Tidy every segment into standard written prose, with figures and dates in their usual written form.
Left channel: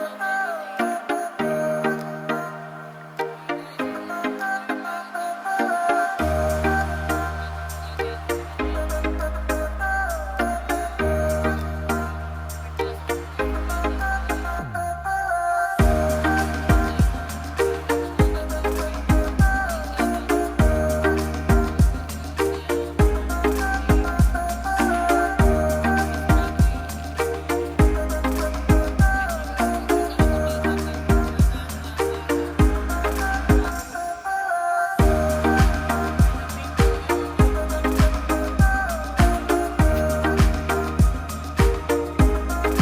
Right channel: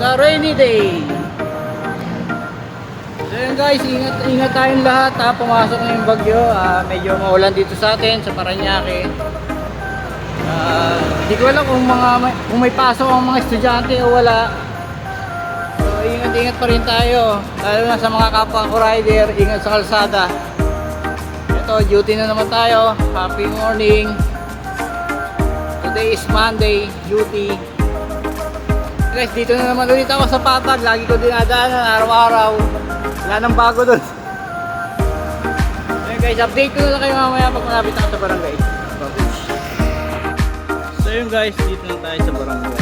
Sa rainy day. So yun guys, ingat tayong lahat ha. Pumasok na yung bagyo. Medyo maulan dito sa atin sa Parañaque. Hindi ko alam kung may pasok ang mga estudyante o wala. So ingat pa rin tayo. Lalo na sa mga kapwa ko rider, ingat sa kalsada. Ito, duty na naman tayo. Happy morning. Today is Monday, duty. Guys, dito na naman ulit ako sa Patag. Lagi ko dinadaanan araw-araw. Wala nang bago doon. So guys, update ko na lang kayo mamaya pag malapit ako sa barangay. So yun guys, dito na tayo sa barangay.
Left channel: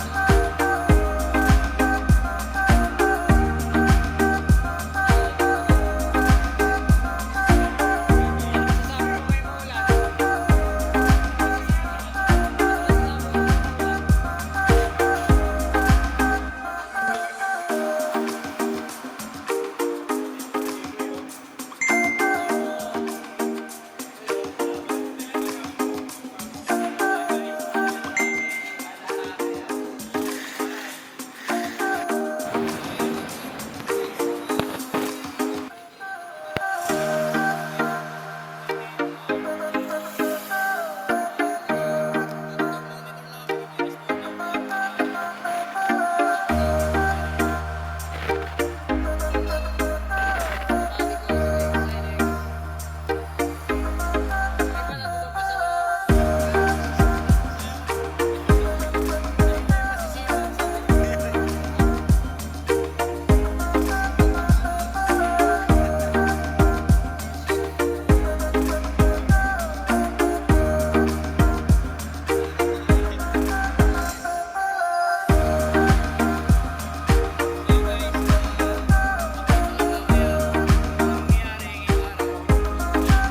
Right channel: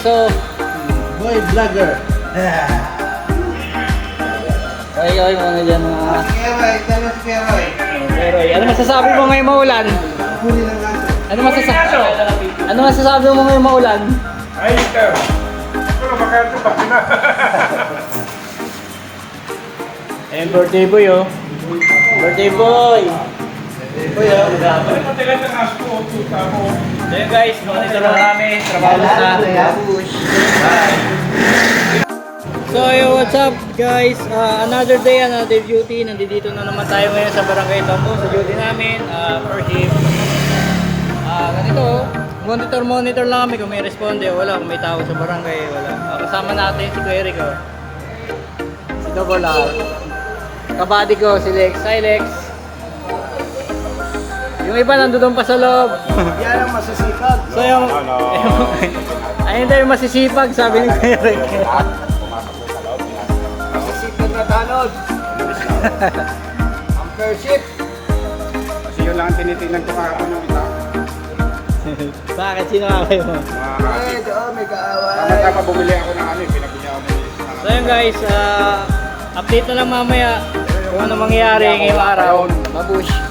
So, boy vlogger. ay mga dyan pero ano masasabi mo ngayong maulan? Ano masasabi mo ngayong maulan? Ay, ikaw. Pero makato pa na. Ayan, birthday boy oh. Birthday boy. Boy oh. Ayan guys, monitor lang namin. Trabaho na. Bye. So yo, what's up guys? Another day, another duty. Nandito na naman tayo ngayon sa Barangay Tombo sa duty namin. First shift. Ganito, monitor lang kami kung may responde o wala, kung may tao sa barangay, wala. Kasama natin si Kuya Rico. Si Double R. Kabady ko, si Lex. Hi Lex. Yung iba nandoon pa sa loob. Yan ang masasipag. So yung ayun daw yung masisipag, sabi ni Kuya Rico. Masasipag na tanod. Ang first shift. Kasi yun lang tinitingnan ko mga Bakit? Sino nga kayo? Doon may kaaway. Tama bumili ako ng ano, pinabili ako ng So yun guys, update na lang mamaya kung ano mangyayari ngayong araw. Mabush.